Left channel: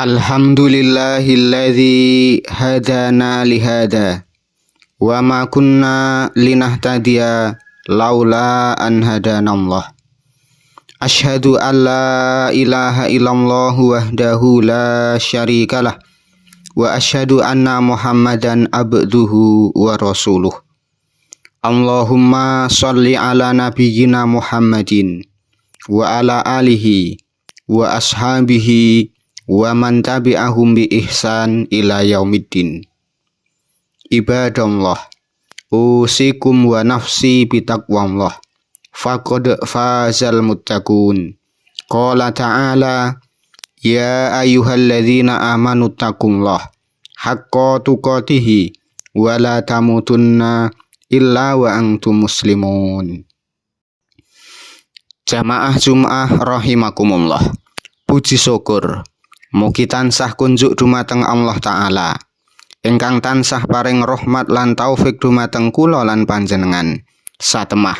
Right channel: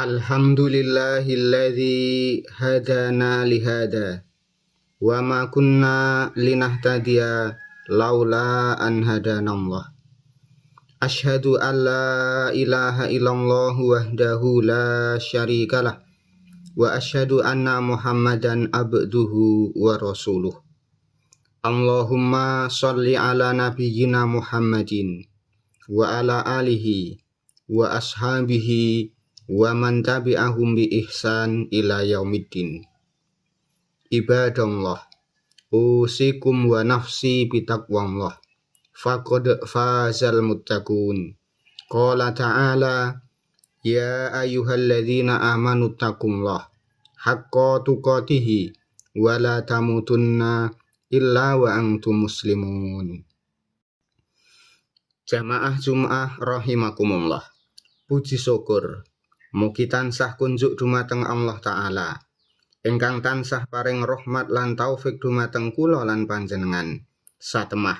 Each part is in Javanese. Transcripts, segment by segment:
Alhamdulillahilladzi hadana lihada wa ma kunna linahtadiya laula an hadanallah. Asyhadu an la ilaha illallah wahdahu la syarikalah wa asyhadu anna Muhammadan abduhu wa rasuluh. Allahumma shalli ala nabiyyina Muhammadin wa ala alihi wa ashabihi wa man tabi'ahum bi ihsan ila yaumiddin. Ibadallah, usikum wa nafsi bitaqwallah, faqad fazal muttaqun. Qala ta'ala, ya ayyuhalladzina amanu taqullah haqqa tuqatih wa la tamutunna illa wa antum muslimun. Jamaah Jum'ah rahimakumullah. Puji syukur mugi tansah kunjuk dumateng Allah Ta'ala ingkang tansah paring rahmat lan taufik dumateng kula lan panjenengan. Satemah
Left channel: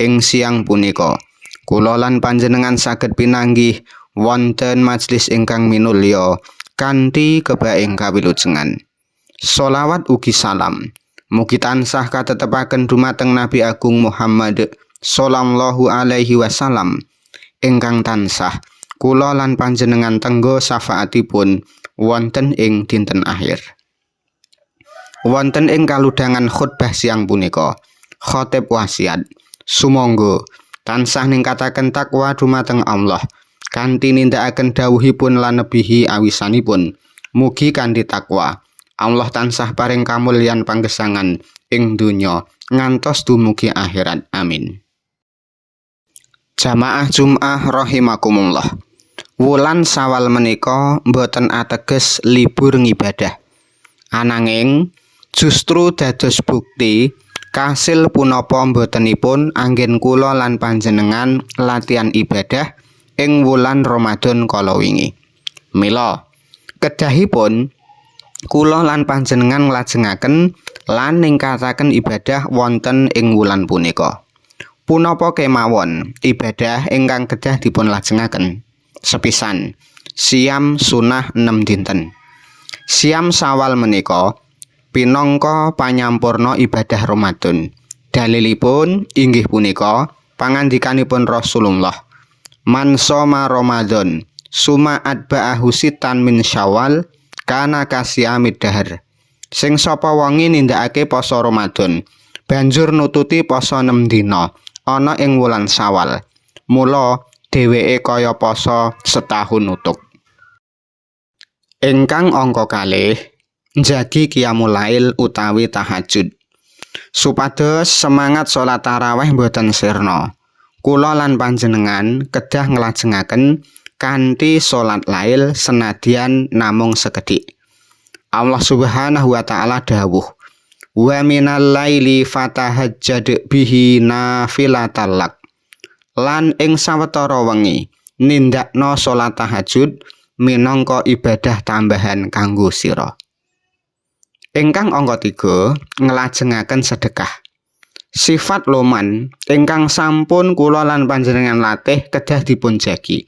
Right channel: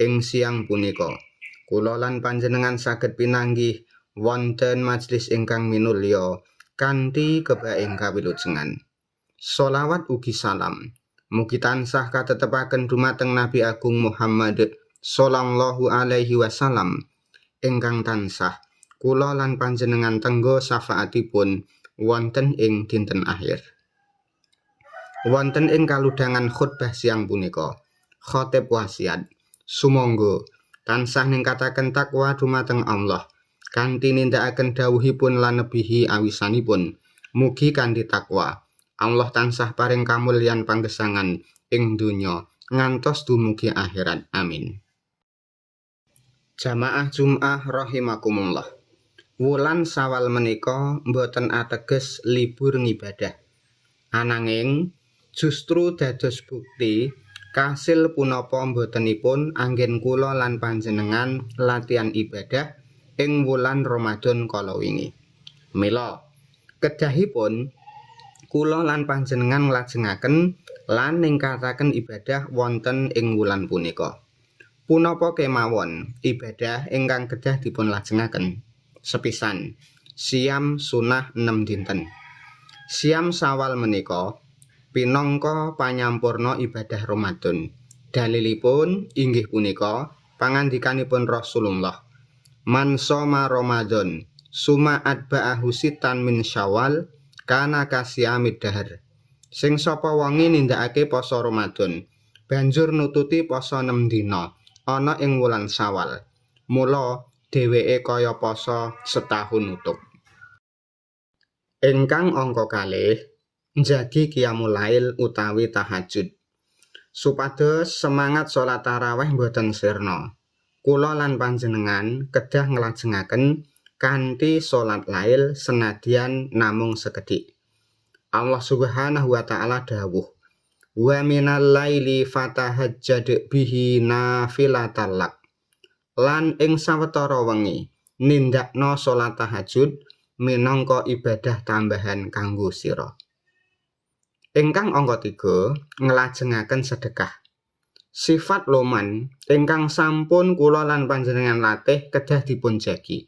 ing siang punika kula lan panjenengan saged pinanggih wonten majelis ingkang minulya kanthi kebaing kawilujengan. Sholawat ugi salam mugi tansah katetepaken dumateng Nabi Agung Muhammad sallallahu alaihi wasallam ingkang tansah kula lan panjenengan tenggo syafaatipun wonten ing dinten akhir. Wonten ing kaludhangan khutbah siang punika, khatib wasiat sumangga tansah ningkataken takwa dumateng Allah kanthi nindakaken dawuhipun lan nebihi awisanipun. Mugi kanthi takwa Allah tansah paring kamulyan panggesangan ing donya ngantos dumugi akhirat. Amin. Jamaah Jum'ah rahimakumullah. Wulan Sawal menika boten ateges libur ngibadah. Ananging justru dados bukti kasil punapa botenipun anggen kula lan panjenengan latihan ibadah ing wulan Ramadan kala wingi. Mila kedahipun kula lan panjenengan nglajengaken lan ningkataken ibadah wonten ing wulan punika. Punapa kemawon ibadah ingkang kedah dipun lajengaken. Sepisan siam sunah 6 dinten. Siam Sawal menika pinangka panyampurna ibadah Ramadan. Dalilipun inggih punika pangandikanipun Rasulullah, man shoma Ramadan suma atba'ahu sitan min Syawal kana kasyamid dahar. Sing sapa wengi nindakake poso Ramadan banjur nututi poso 6 dina ana ing wulan Syawal, mula dheweke kaya poso setahun utuk. Ingkang angka kalih, njagi qiyamul lail utawi tahajud. Supados semangat salat tarawih boten sirna, kula lan panjenengan kedah nglajengaken kanthi salat lail senadyan namung sekedhik. Allah Subhanahu wa taala dawuh, wa minal laili fatahajjad bihi nafilatan lak. Lan ing sawetara wengi nindakna salat tahajud minangka ibadah tambahan kanggo sira. Ingkang angka 3 nglajengaken sedekah. Sifat loman ingkang sampun kula lan panjenengan latih kedah dipun jagi.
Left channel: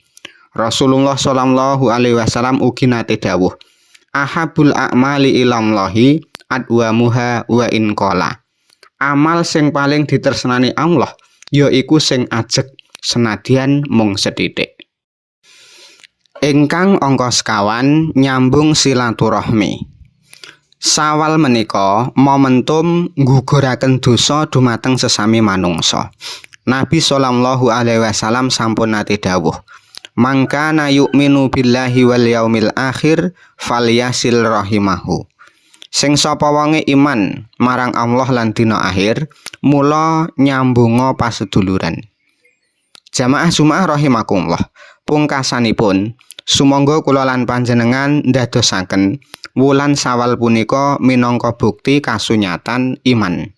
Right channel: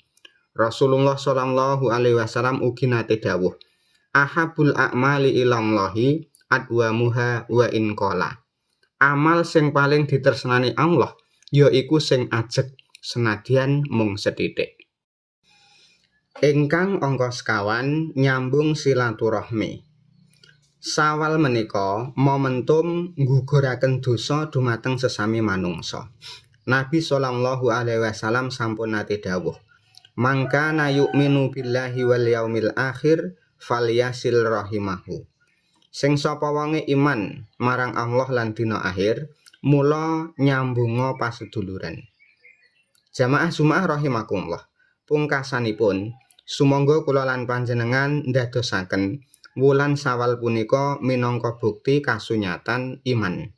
Rasulullah sallallahu alaihi wasallam ugi nate dawuh, ahabul a'mali ilallahi adwamuha wa in qala. Amal sing paling ditresnani Allah yaiku sing ajeg senadyan mung sethithik. Ingkang angka 5 nyambung silaturahmi. Sawal menika momentum ngguguraken dosa dumateng sesami manungsa. Nabi sallallahu alaihi wasallam sampun nate dawuh, mangkana yu'minu billahi wal yaumil akhir falyasil rahimahu. Sing sapa wonge iman marang Allah lan dina akhir, mula nyambunga paseduluran. Jamaah Jum'ah rahimakumullah. Pungkasanipun sumangga kula lan panjenengan ndadosaken wulan Sawal punika minangka bukti kasunyatan iman.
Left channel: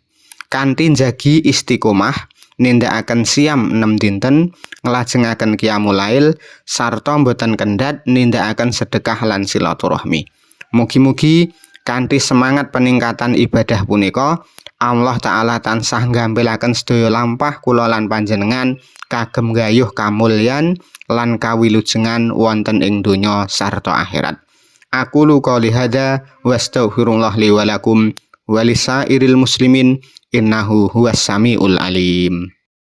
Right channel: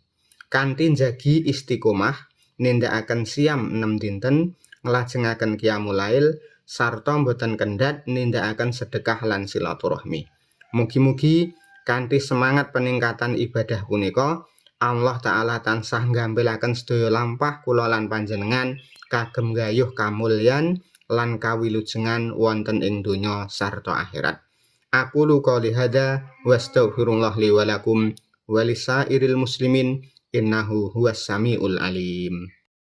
Kanthi njagi istiqomah nindakaken siam 6 dinten, nglajengaken qiyamul lail sarta boten kendhat nindakaken sedekah lan silaturahmi. Mugi-mugi kanthi semangat peningkatan ibadah punika Allah Ta'ala tansah nggampilaken sedaya lampah kula lan panjenengan kagem gayuh kamulyan lan kawilujengan wonten ing donya sarta akhirat. Aku qouli hadza wa astaghfirullah li wa lakum wa lisairil muslimin innahu huwas samiul alim.